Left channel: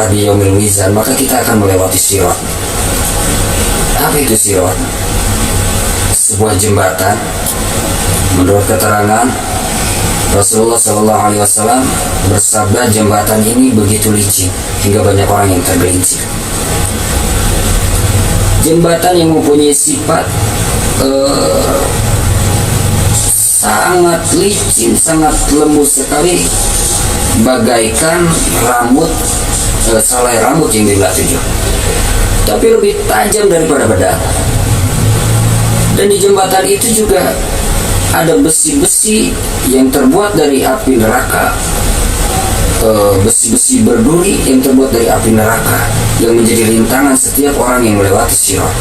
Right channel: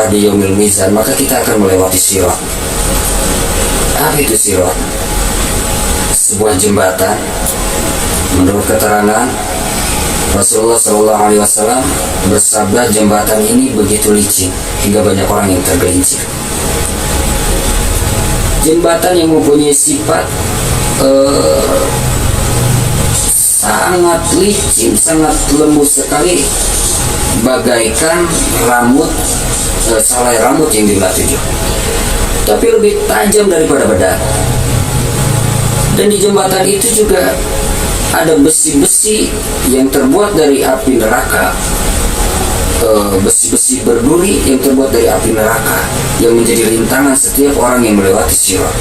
kelak di yaumil mizan, maka kita akan melewati sirat. Apa itu sirat? Sebuah jembatan. Menurut keterangan Rasulullah SAW bersabda, jembatan ini begitu licin hingga banyak orang yang tergelincir. Jembatan yang mempunyai sifat sangat licin, sangat lembut sekali, bagaikan rambut, selai rambut yang dibelah 7, tapi lebih tajam daripada pedang. Dan di jembatan itu juga ada besi-besi yang terbuat dari api neraka, besi-besi berduri yang terbuat dari api neraka, yang menjadi rintangan setiap orang yang melewati sirat.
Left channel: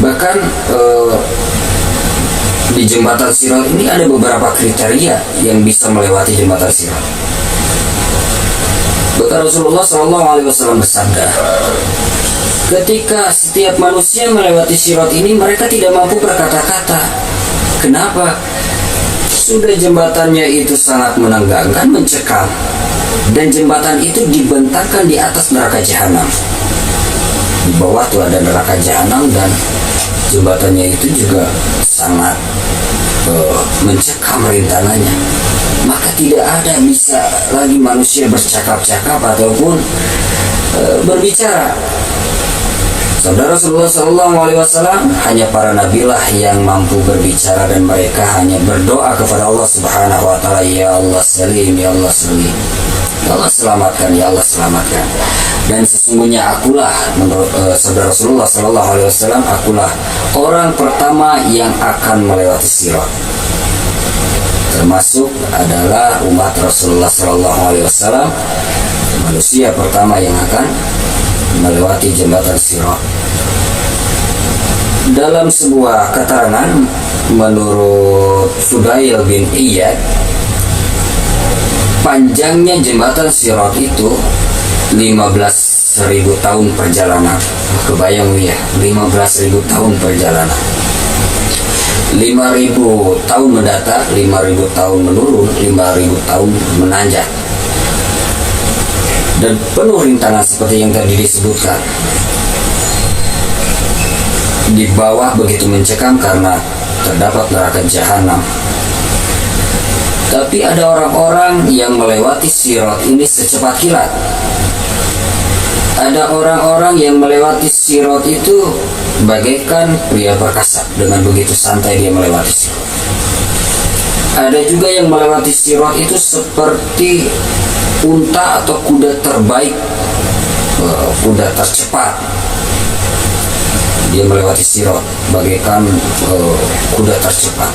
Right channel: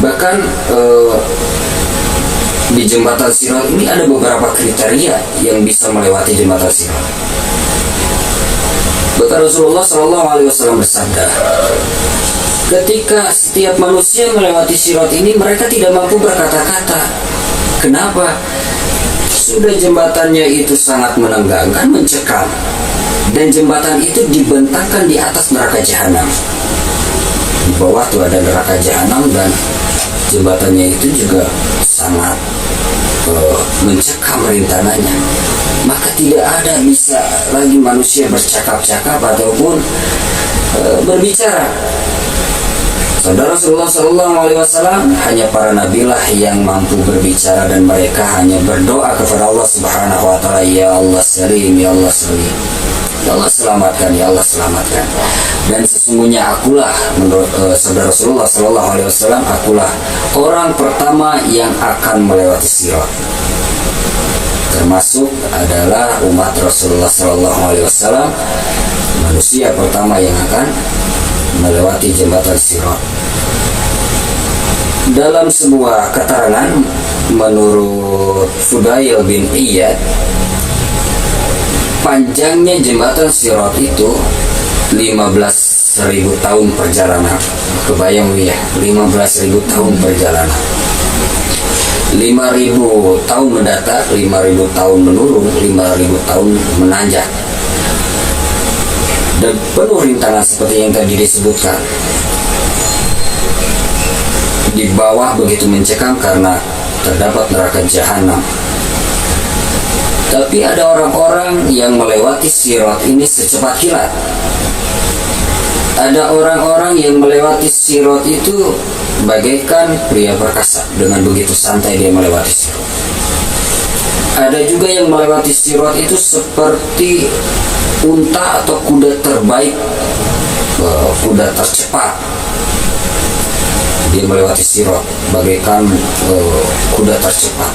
Bahkan di jembatan sirat ini ada beberapa kriteria yang bisa melewati jembatan sirat. Bahkan Rasulullah SAW bersabda, ketika setiap manusia melewati sirat ini, mereka tidak mampu berkata-kata. Kenapa? Sudah jembatannya itu sangat menenggangkan, mencekam, dan jembatan itu dibentangkan di atas neraka jahanam. Di bawah tuh ada neraka jahanam, dan jembatannya itu juga sangat mencekam rintangannya. Maka tidak ada bisa lagi manusia bercakap-cakap ataupun berbicara. Saudara, Rasulullah SAW, hanya para nabilah yang mampu berbicara, dan mereka hanya berdoa kepada Allah Subhanahu wa Ta'ala, ya Allah salim, ya Allah salim, ya Allah selamatkan, ya Allah selamatkan. Dan sesungguhnya akulah, menurut saudara Rasulullah SAW, akulah orang pertama yang akan melewati sirat. Termasuk adalah umat Rasulullah SAW, manusia pertama yang akan melewati jembatan sirat. Dalam sebuah keterangan menurut Fudail bin Iyad, panjangnya jembatan sirat itu 15.000 tahun perjalanan. Kebayang ya, 15.000 tahun perjalanan. 5.000 tahun mendatar, 5.000 tahun menurun, 5.000 tahun menanjak, dan penuh rintangan seperti yang tadi disebutkan. Di bawah begitu mencekam karena terdapat neraka jahanam. Tapi ada orang-orang yang melewati sirat ini secepat kilat. Ada orang-orang yang melewati sirat itu bagaikan pria perkasa, dengan begitu santai dia melewati sirat. Ada juga yang melewati sirat itu seperti unta atau kuda terbaik, kuda tercepat. Dia melewati sirat bagaikan kuda tercepat.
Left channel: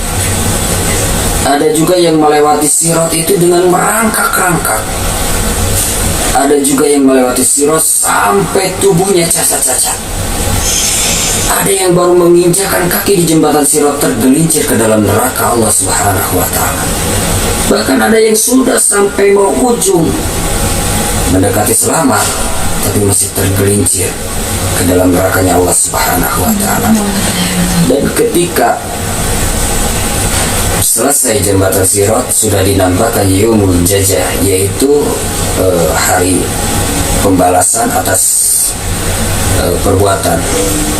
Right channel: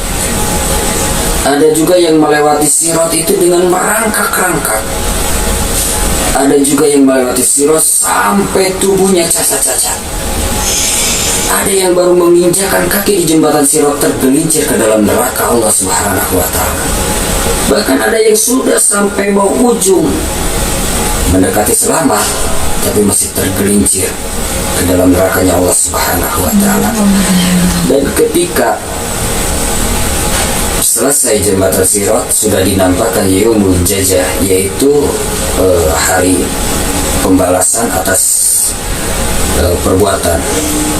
Ada juga yang melewati sirat itu dengan merangkak-rangkak. Ada juga yang melewati sirat sampai tubuhnya cacat-cacat. Ada yang baru menginjakan kaki di jembatan sirat tergelincir ke dalam neraka Allah Subhanahu wa Ta'ala. Bahkan ada yang sudah sampai mau ujung, mendekati selamat, tapi masih tergelincir ke dalam nerakanya Allah Subhanahu wa Ta'ala. Dan ketika selesai jembatan sirat, sudah dinampakkan yaumul jazaa, yaitu hari pembalasan atas perbuatan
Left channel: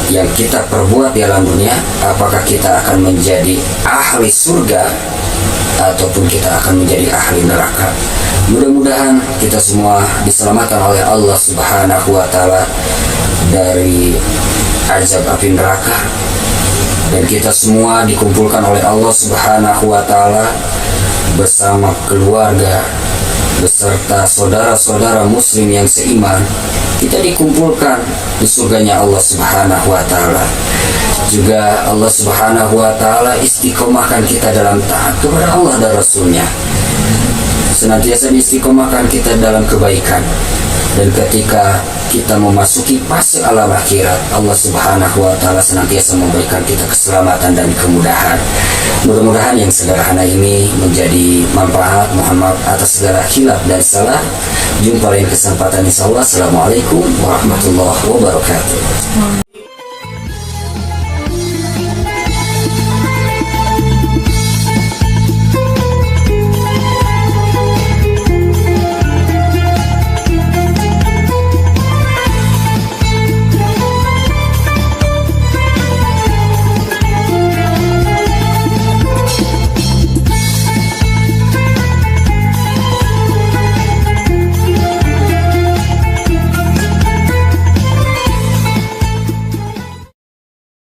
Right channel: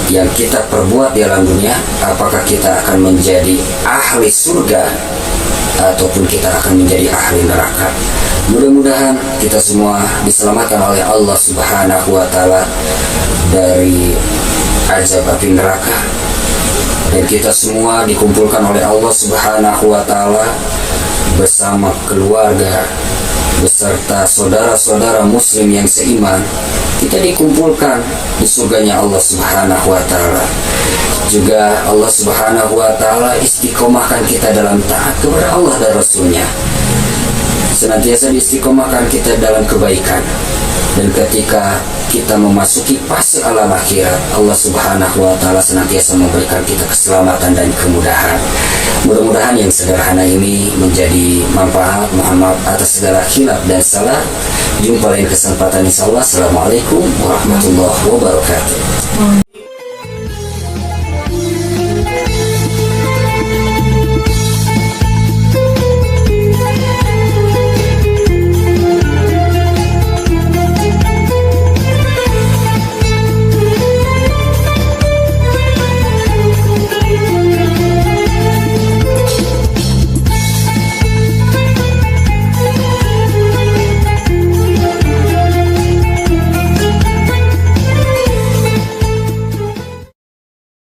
yang kita perbuat di alam dunia. Apakah kita akan menjadi ahli surga ataupun kita akan menjadi ahli neraka. Mudah-mudahan kita semua diselamatkan oleh Allah Subhanahu wa Ta'ala dari azab api neraka, dan kita semua dikumpulkan oleh Allah Subhanahu wa Ta'ala bersama keluarga beserta saudara-saudara muslim yang seiman. Kita dikumpulkan di surganya Allah Subhanahu wa Ta'ala. Juga Allah Subhanahu wa Ta'ala istiqomahkan kita dalam taat kepada Allah dan Rasulnya. Senantiasa diistiqomahkan kita dalam kebaikan. Dan ketika kita memasuki fase alam akhirat, Allah Subhanahu wa Ta'ala senantiasa memberikan kita keselamatan dan kemudahan. Mudah-mudahan yang sederhana ini menjadi manfaat. Mohon maaf atas segala khilaf dan salah. Jumpa lain kesempatan, insyaallah. Assalamualaikum warahmatullahi wabarakatuh.